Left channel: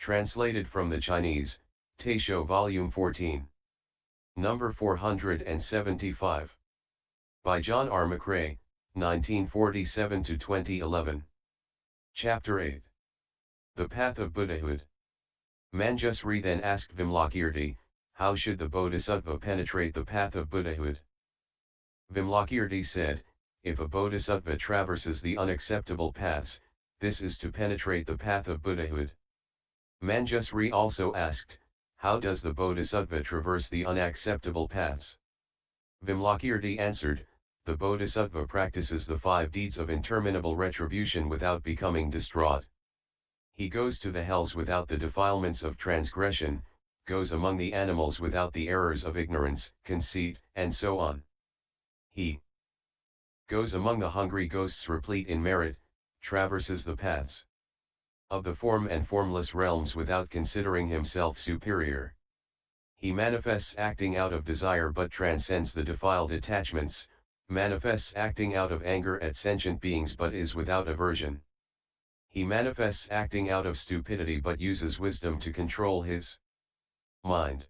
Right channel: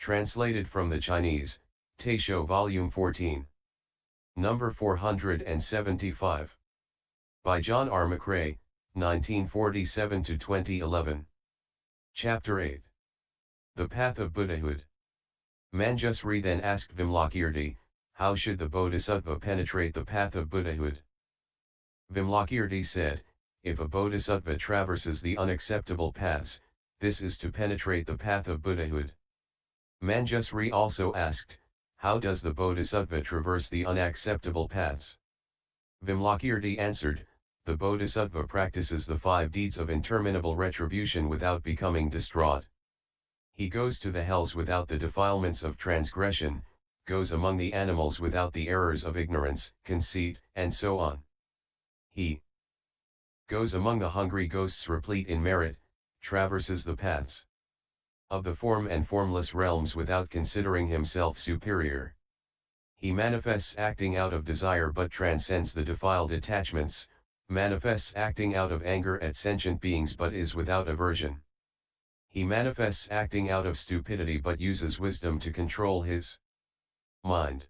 Translated from the Chinese, Taisho Volume 14. Number 475. By John R. McRae, 1947–2011. Chapter 8. The Path of Buddhahood. Manjusri then asked Vimalakirti, how should the bodhisattva penetrate the path of Buddhahood? Vimalakirti said, if a bodhisattva traverses the unacceptable paths, this is to penetrate the path of Buddhahood. Manjusri also asked, how does the bodhisattva traverse the unacceptable paths? Vimalakirti answered, the bodhisattva practices the 5 deeds of interminable retribution without becoming distraught. He goes to the hells without the defilements of transgression, goes among the animals without the errors of ignorance, conceit, and so on. He goes among the hungry ghosts replete in merit, traverses the paths of the form and formless realms without considering himself superior. He manifests acting out of desire but transcends the defiled attachments, manifests acting out of anger at sentient beings but is without aversion. He manifests acting out of stupidity but uses wisdom to control his mind.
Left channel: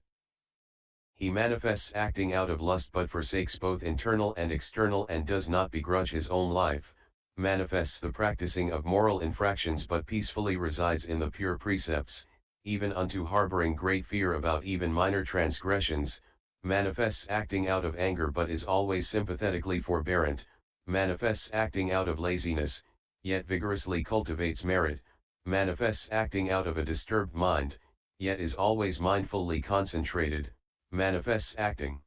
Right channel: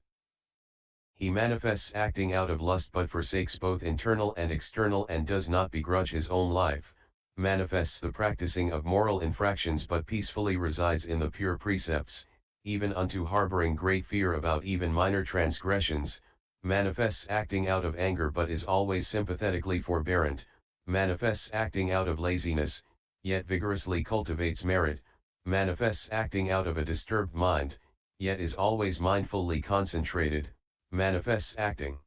He manifests acting out of lust but forsakes both internal and external and does not begrudge his own life, manifests the practicing of moral infractions but peacefully resides in the pure precepts, even unto harboring great fear about even minor transgressions, manifests acting out of anger but is always sympathetically forbearant, manifests acting out of laziness, yet vigorously cultivates merit, manifests acting out of a disturbed mind, yet is always mindfully concentrated, manifests acting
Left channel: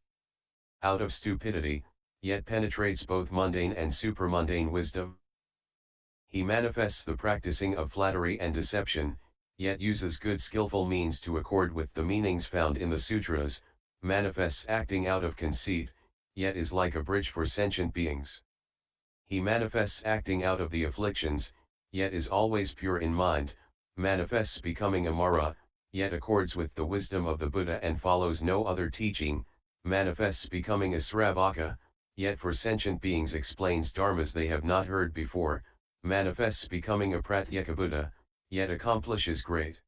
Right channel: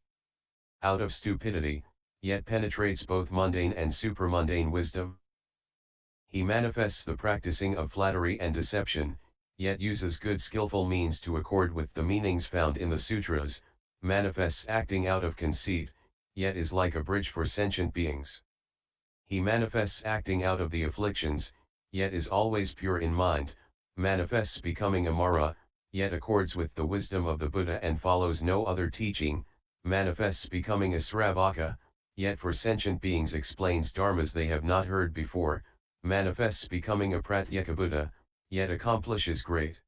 out of stupidity, yet penetrates both mundane and supramundane wisdom. He manifests the practicing of flattery and deception, yet uses good skillful means to accord with the meanings found in the sutras, manifests acting out of conceit, yet is like a bridge for sentient beings. He manifests acting out of the afflictions, yet is always pure in mind, manifests becoming Amara, yet accords with the wisdom of the Buddha and follows no other teaching, manifests becoming a Sravaka, yet for sentient beings explains dharmas they have not heard before, manifests becoming a Pratyeka Buddha, yet accomplishes great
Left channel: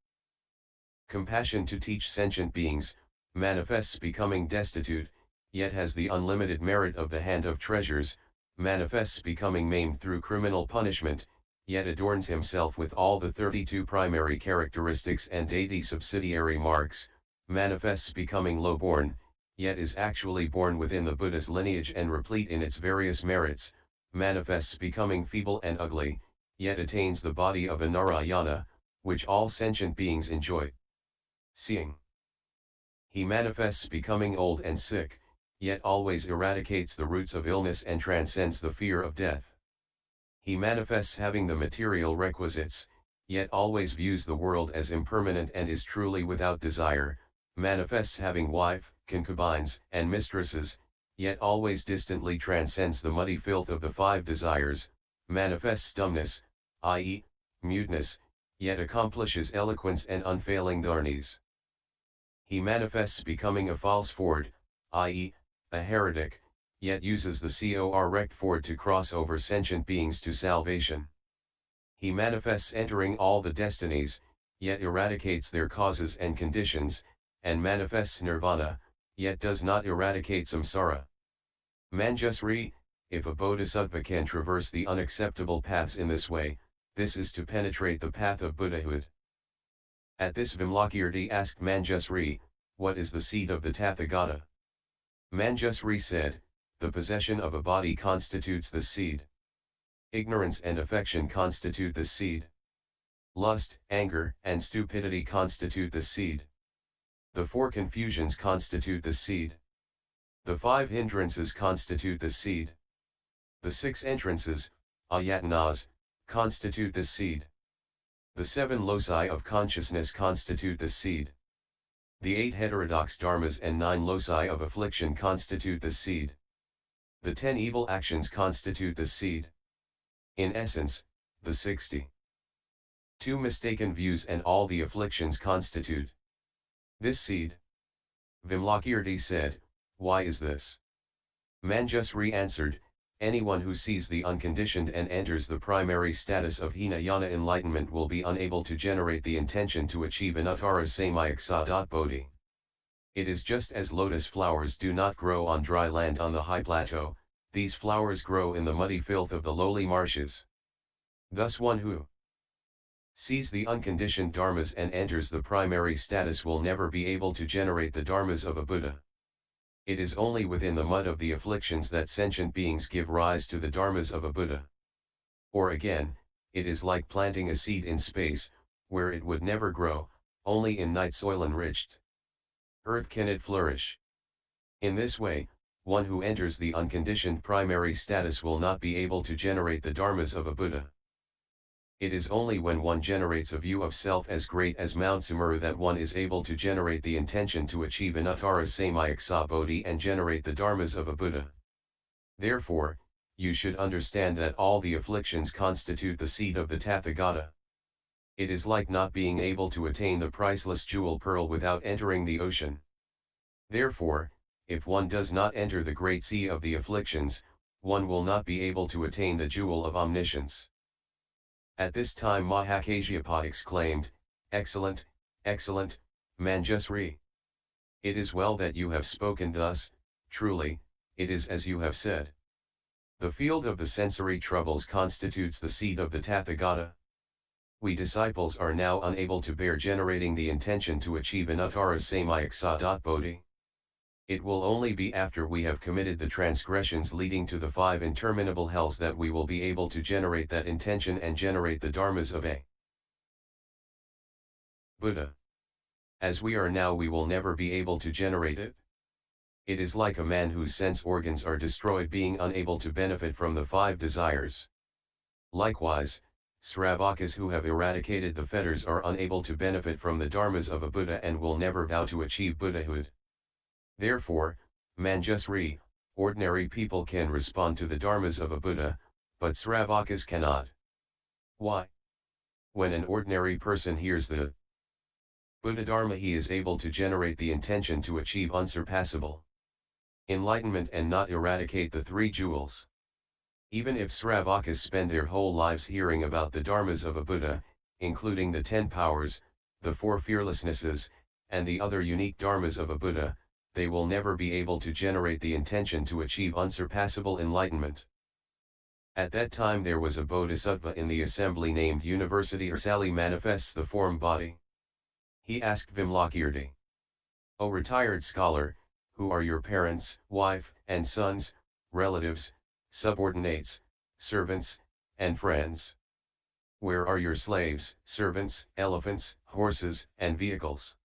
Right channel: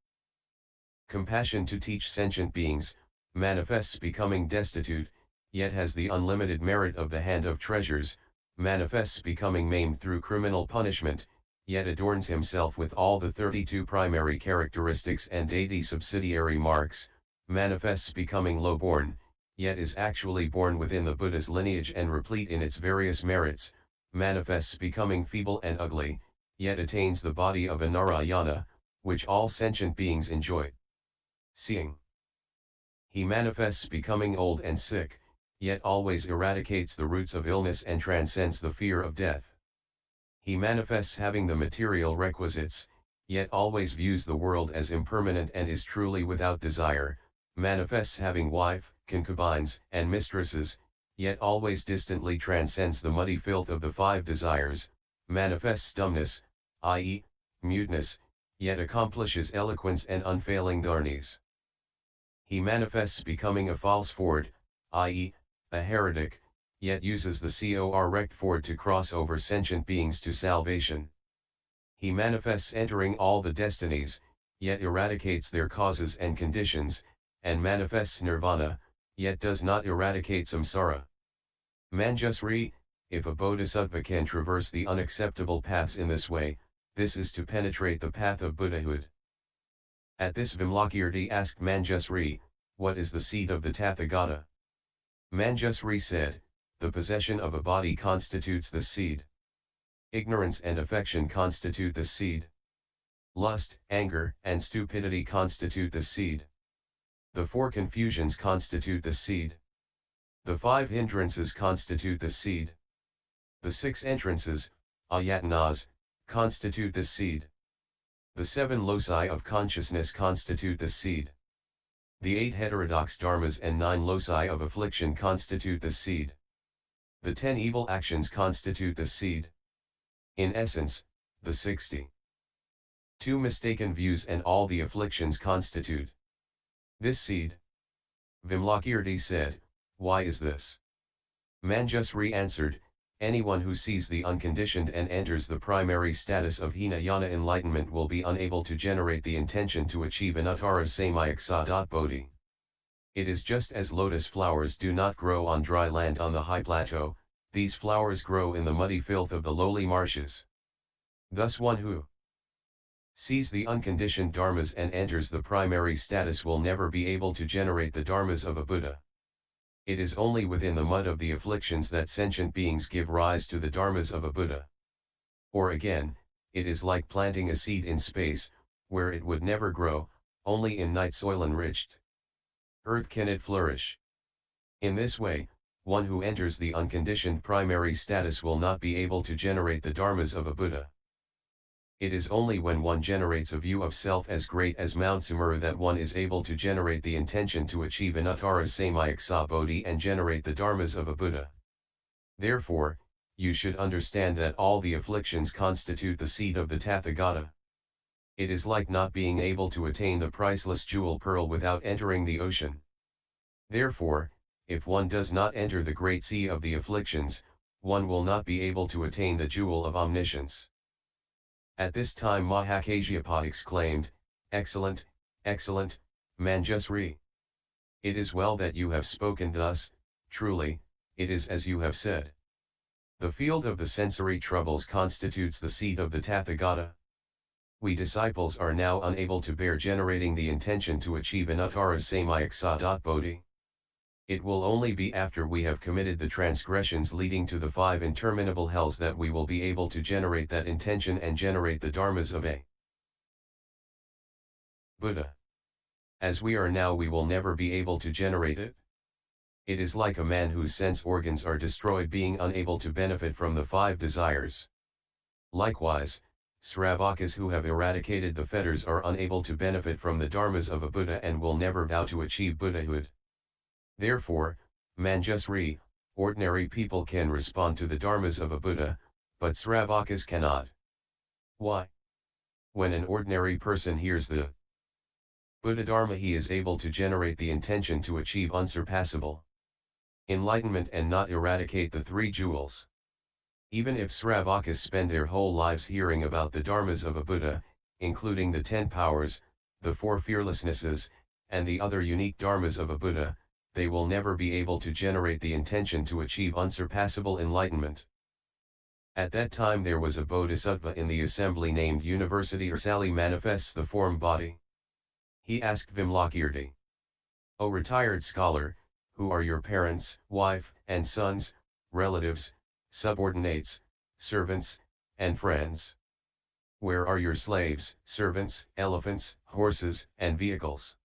compassion to teach sentient beings, manifests becoming destitute, yet has the unlimited merit of the hand of treasures, manifests becoming maimed through criminal punishment, yet adorns himself with all the 32 primary characteristics and 80 subsidiary marks, manifests becoming low-born, yet is actually born within the Buddha's lineage and replete in its various merits, manifests becoming feeble and ugly, yet attains the body of a Narayana, which all sentient beings enjoy seeing. He manifests becoming old and sick, yet always eradicates the roots of illness and transcends the fear of death. He manifests having the material requisites, yet always views the world as impermanent and is truly without desire, manifests having wife, concubines, and mistresses, yet always distantly transcends the muddy filth of the 5 desires, manifests dumbness, i.e., muteness, yet accomplishes eloquence and unfailing dharnis. He manifests becoming a false ford, i.e., a heretic, yet uses the correct ford to cross over sentient beings to salvation. He manifests entering all the destinies, yet eradicates their causes and conditions, and manifests nirvana, yet does not eradicate samsara. Manjusri, if a bodhisattva can traverse the unacceptable paths in this way, this is to penetrate the path of Buddhahood. At this Vimalakirti asked Manjusri, what is the seed of the Tathagata? Manjusri said, the possession of a body constitutes the seed. Ignorance and affection constitute the seed. Lust, anger, and stupidity constitute the seed. The 4 confusions constitute the seed. The 5 hindrances constitute the seed. The 6 entrances, ayatanas, constitute the seed. The 7 loci of consciousness constitute the seed. The 8 heterodox dharmas and 9 loci of affliction constitute the seed. The 10 evil actions constitute the seed. In essence, the 62 mistaken views and all the afflictions constitute this seed. Vimalakirti said, why is this? Manjusri answered, Anyone who sees the unconditioned and enters the primary status of Hinayana enlightenment will be unable to generate the intention to achieve anuttara-samyaksa.bodhi. It is just as lotus flowers do not grow on dry land on the high plateau, these flowers grow in the muddy filth of the lowly marshes. Thus one who sees the unconditioned dharmas and enters the primary status will never be able to generate the dharmas of a Buddha. It is only within the mud of the afflictions that sentient beings give rise to the dharmas of a Buddha. Or again, it is like planting a seed in space, where it would never grow, only in night soil enriched earth can it flourish. In this way, one who enters the unconditioned primary status will not be able to generate the dharmas of a Buddha. It is only when one generates a view of self as great as Mount Sumeru that one is able to generate the intention to achieve anuttara-samyaksa bodhi and generate the dharmas of a Buddha. Therefore, you should understand that all the afflictions constitute the seed of the Tathagata. It is like not being able to attain the priceless jewel pearl without entering the ocean. Therefore, if one does not enter the great sea of the afflictions, one will not be able to attain the jewel of omniscience. At this time Mahakasyapa exclaimed, "Excellent, excellent, Manjusri! It is well that you have spoken thus, truly, it is as you have said. The field of the sensory troubles constitutes the seat of the Tathagata. We disciples are now unable to bear generating the intention to achieve anuttara-samyaksa.bodhi. It will only be after we have committed the transgressions leading to the 5 interminable hells that we will be able to generate that intention and generate the dharmas of a Buddha. As we are now, we will never be able to generate it. It is like a man whose sense organs are destroyed being unable to benefit from the 5 desires. Likewise, Sravakas who have eradicated the fetters are unable to benefit from the dharmas of a Buddha and will never vow to achieve Buddhahood. Therefore, Manjusri, ordinary people can respond to the dharmas of a Buddha, but Sravakas cannot. Why? When an ordinary person hears the Buddha Dharma, he is able to generate the intention to achieve unsurpassable enlightenment and not eradicate the 3 jewels. Even if Sravakas spend their whole lives hearing about the dharmas of a Buddha, including the 10 powers, the 4 fearlessnesses, and the other unique dharmas of a Buddha, they will never be able to generate the intention to achieve unsurpassable enlightenment. At that time there was a bodhisattva in the assembly named University Sally manifests the form body. He asked Vimalakirti, "O retired scholar, who are your parents, wife, and sons, relatives, subordinates, servants, and friends? Where are your slaves, servants, elephants, horses, and vehicles?"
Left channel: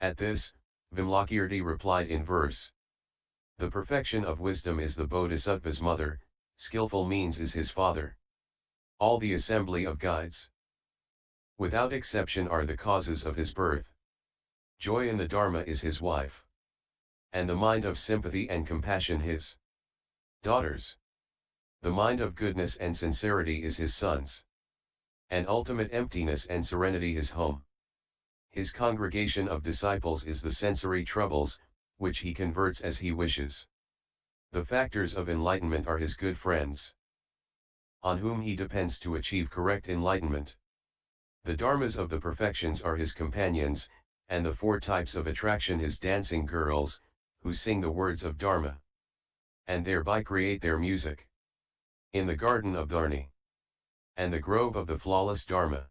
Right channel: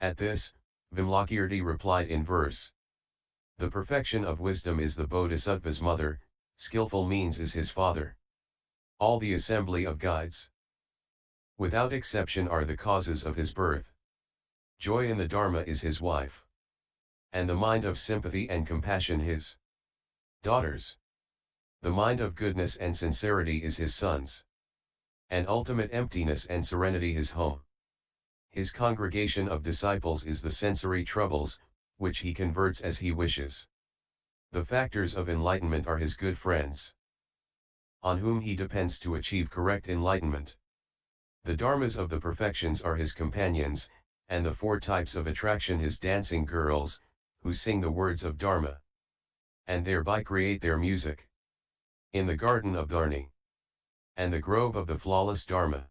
At this, Vimalakirti replied in verse: "The perfection of wisdom is the bodhisattva's mother, skillful means is his father. All the assembly of guides, without exception, are the causes of his birth. Joy in the Dharma is his wife, and the mind of sympathy and compassion his daughters. The mind of goodness and sincerity is his sons, and ultimate emptiness and serenity his home. His congregation of disciples is the sensory troubles, which he converts as he wishes. The factors of enlightenment are his good friends, on whom he depends to achieve correct enlightenment. The dharmas of the perfections are his companions, and the 4 types of attraction his dancing girls, who sing the words of Dharma, and thereby create their music. In the garden of Dharni, and the grove of the flawless Dharma,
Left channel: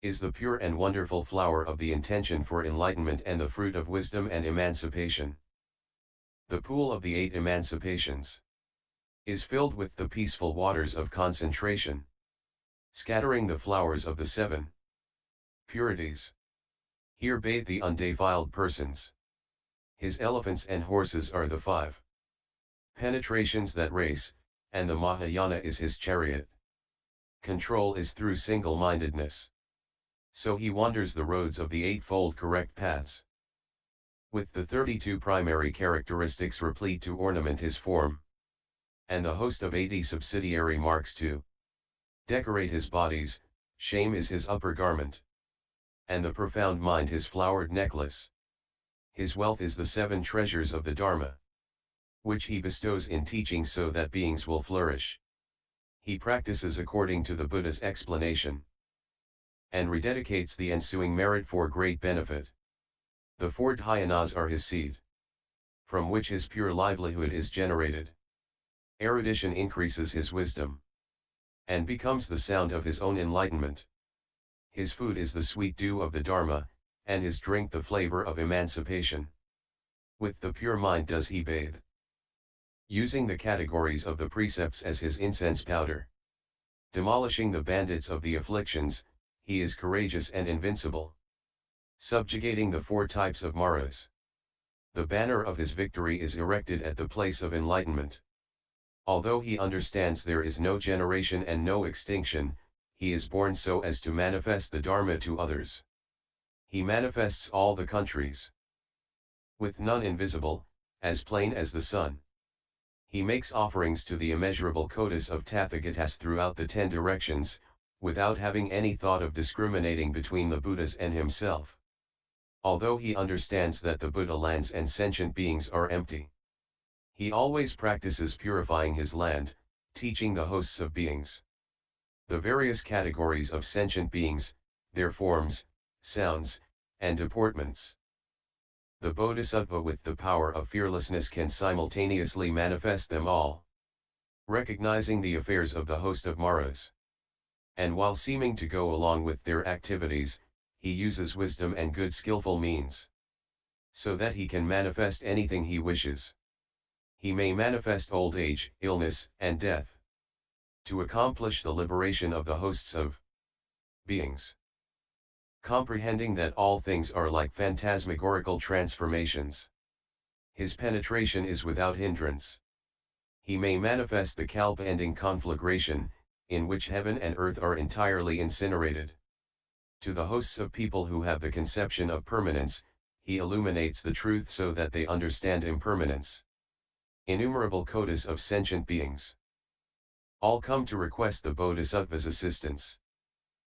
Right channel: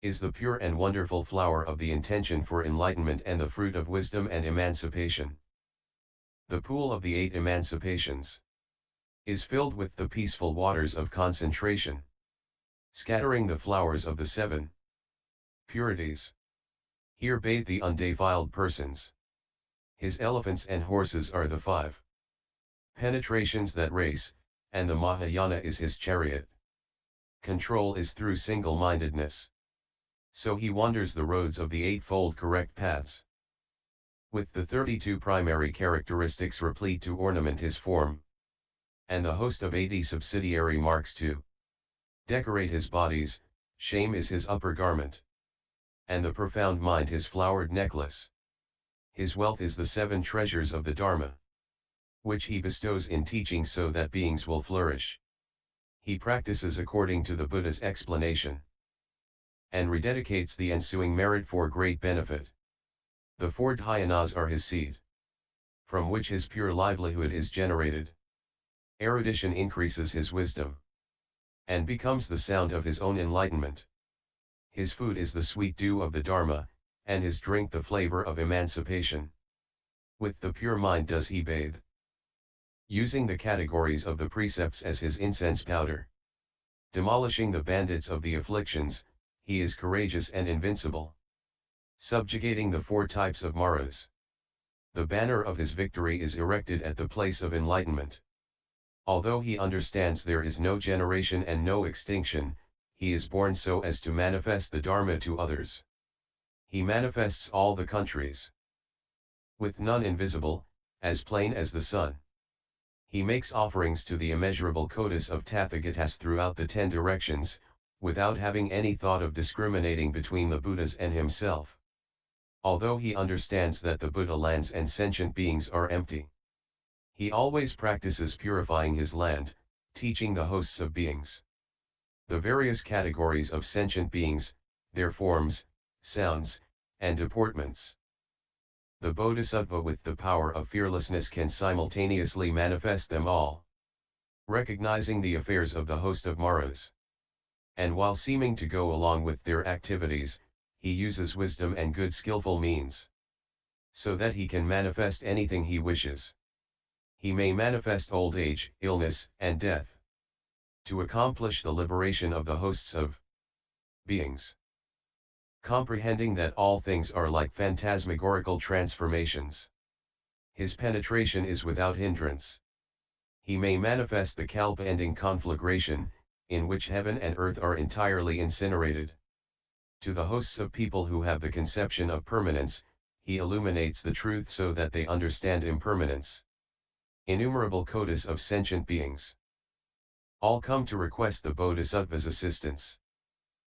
is the pure and wonderful flower of the intention for enlightenment and the fruit of wisdom and emancipation. The pool of the 8 emancipations is filled with the peaceful waters of concentration, scattering the flowers of the 7 purities. Here bathe the undefiled persons. His elephants and horses are the 5 penetrations that race, and the Mahayana is his chariot. Control is through single-mindedness. So he wanders the roads of the 8-fold correct paths, with the 32 primary characteristics replete to ornament his form, and the host of 80 subsidiary marks to decorate his bodies. Shame is his upper garment, and the profound mind his flowered necklace. His wealth is the 7 treasures of the Dharma. which he bestows in teaching so that beings will flourish. He practices according to the Buddha's explanation, and rededicates the ensuing merit for great benefit. The four dhyanas are his seed, from which his pure livelihood is generated. Erudition increases his wisdom, and becomes the sound of his own enlightenment. His food is the sweet dew of the Dharma, and his drink the flavor of emancipation. With the pure mind does he bathe, using the categories of the precepts as his incense powder. Demolishing the bandits of the afflictions, he is courageous and invincible. Subjugating the four types of maras, the banner of his victory is erected at the place of enlightenment. Although he understands there is no generation and no extinction, he is born so as to manifest the Dharma to others. He manifests all the countries, with none invisible, as plain as the sun. He makes offerings to the immeasurable kotis of Tathagatas throughout the 10 directions, without having any thought of discriminating between the Buddhas and himself. Although he understands that the Buddha lands and sentient beings are empty, he always practices purifying his land, teaching the hosts of beings the various categories of sentient beings, their forms, sounds, and deportments. The bodhisattva with the power of fearlessness can simultaneously manifest them all, recognizing the affairs of the host of maras. And while seeming to go along with their activities, he uses wisdom and good skillful means, so that he can manifest anything he wishes. He may manifest old age, illness, and death, to accomplish the liberation of the hosts of beings. Comprehending that all things are like phantasmagorical transformations, his penetration is without hindrance. He may manifest the kalpa-ending conflagration, in which heaven and earth are entirely incinerated. To the hosts of people who have the conception of permanence, he illuminates the truth so that they understand impermanence. Innumerable kotis of sentient beings all come to request the bodhisattva's assistance.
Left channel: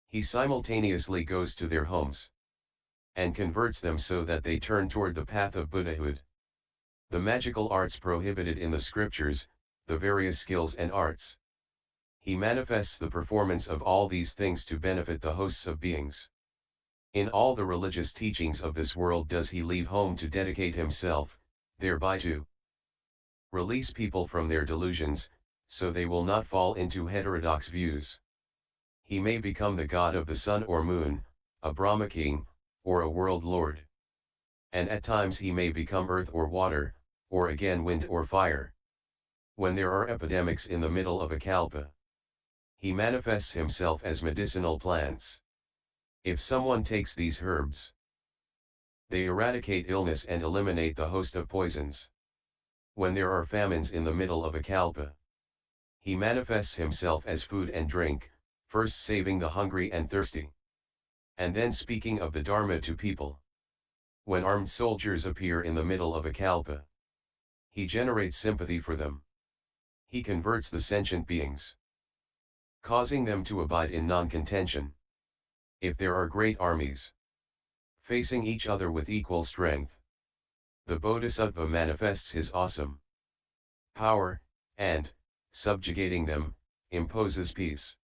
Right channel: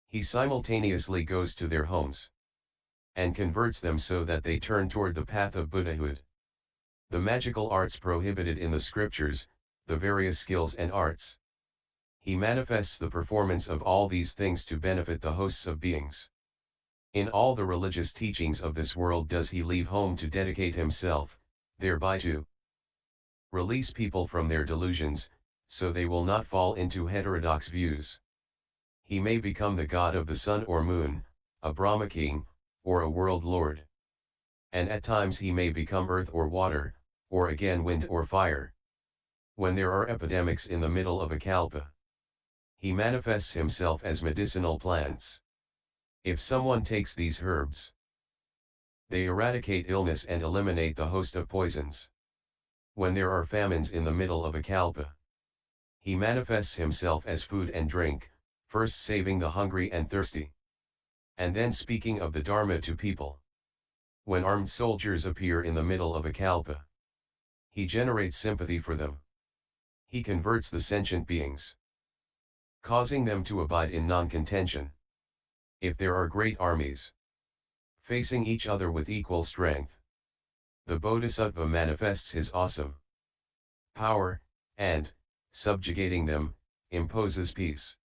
He simultaneously goes to their homes, and converts them so that they turn toward the path of Buddhahood. The magical arts prohibited in the scriptures, the various skills and arts. He manifests the performance of all these things to benefit the hosts of beings. In all the religious teachings of this world does he leave home to dedicate himself, thereby to release people from their delusions, so they will not fall into heterodox views. He may become the god of the sun or moon, a Brahma king, or a world lord. And at times he may become earth or water, or again wind or fire. When there are epidemics in the middle of a kalpa, he manifests himself as medicinal plants. If someone takes these herbs, they eradicate illness and eliminate the host of poisons. When there are famines in the middle of a kalpa, he manifests himself as food and drink, first saving the hungry and thirsty, and then speaking of the Dharma to people. When armed soldiers appear in the middle of a kalpa, he generates sympathy for them. He converts the sentient beings, causing them to abide in non-contention. If there are great armies, facing each other with equal strength, the bodhisattva manifests his awesome power, and, subjugating them, imposes peace.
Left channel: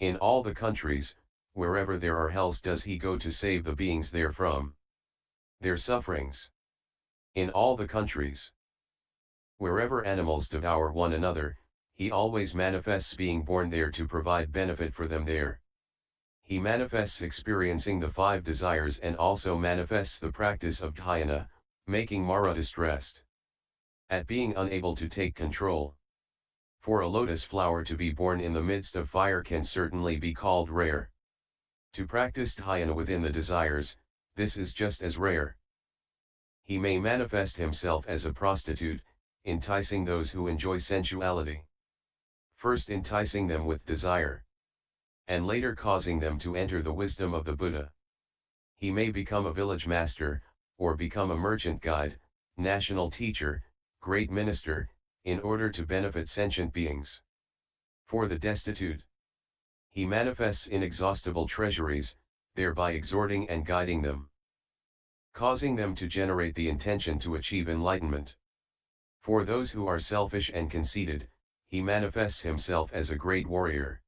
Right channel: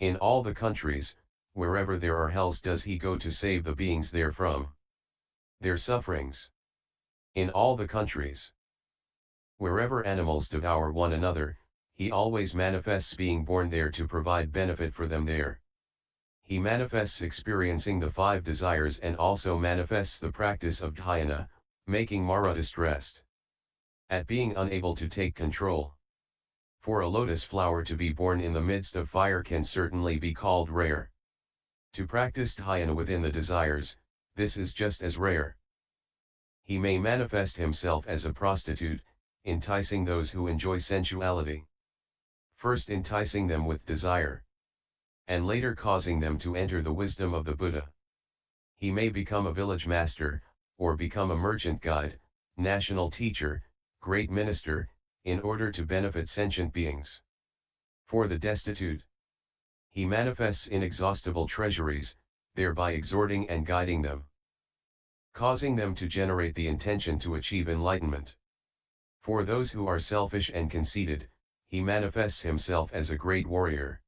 In all the countries, wherever there are hells does he go to save the beings therefrom their sufferings. In all the countries, wherever animals devour one another, he always manifests being born there to provide benefit for them there. He manifests experiencing the 5 desires and also manifests the practice of dhyana, making Mara distressed at being unable to take control. For a lotus flower to be born in the midst of fire can certainly be called rare. To practice dhyana within the desires, this is just as rare. He may manifest himself as a prostitute, enticing those who enjoy sensuality. First enticing them with desire, and later causing them to enter the wisdom of the Buddha. He may become a village master, or become a merchant guide, national teacher, great minister, in order to benefit sentient beings. For the destitute, he manifests inexhaustible treasuries, thereby exhorting and guiding them, causing them to generate the intention to achieve enlightenment. For those who are selfish and conceited, he manifests himself as a great warrior,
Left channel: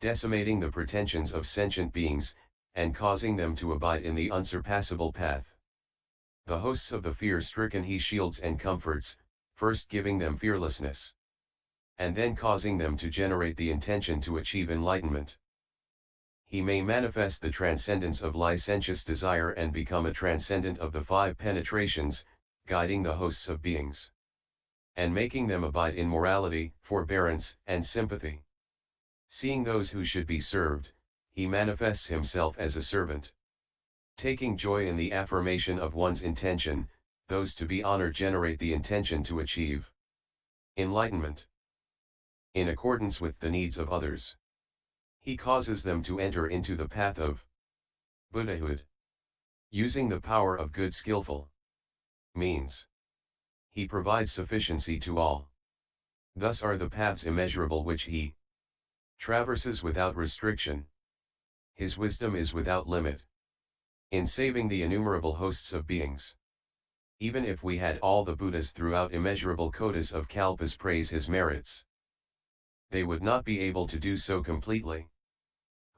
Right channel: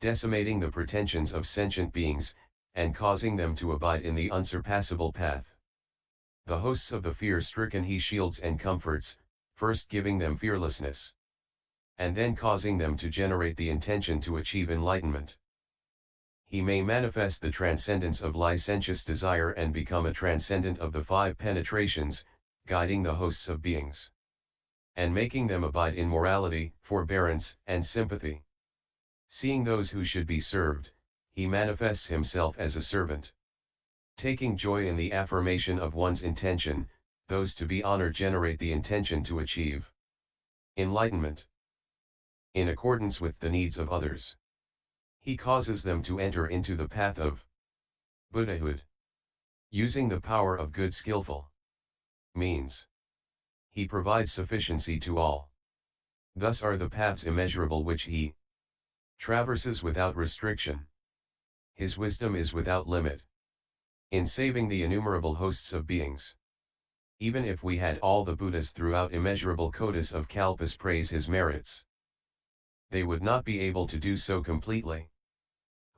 decimating the pretensions of sentient beings, and causing them to abide in the unsurpassable path. The hosts of the fear-stricken he shields and comforts, first giving them fearlessness, and then causing them to generate the intention to achieve enlightenment. He may manifest the transcendence of licentious desire and become a transcendent of the five penetrations, guiding the hosts of beings, and making them abide in morality, forbearance, and sympathy. Seeing those who should be served, he manifests himself as a servant, taking joy in the affirmation of one's intention. Those to be honored generate the intention to achieve enlightenment in accordance with the needs of others. He causes them to enter into the path of Buddhahood, using the power of good skillful means. He provides sufficiency to all. Thus are the paths immeasurable which he traverses without restriction. His wisdom is without limit in saving the innumerable hosts of beings. Even if we had all the Buddhas throughout immeasurable kotis of kalpas praise his merits, they would not be able to do so completely.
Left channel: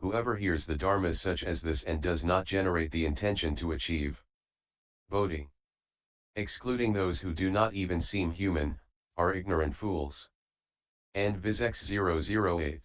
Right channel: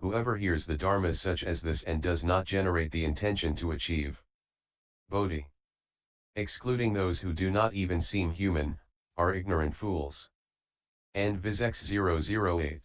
Whoever hears the dharmas such as this and does not generate the intention to achieve bodhi, excluding those who do not even seem human, are ignorant fools. And VISX 008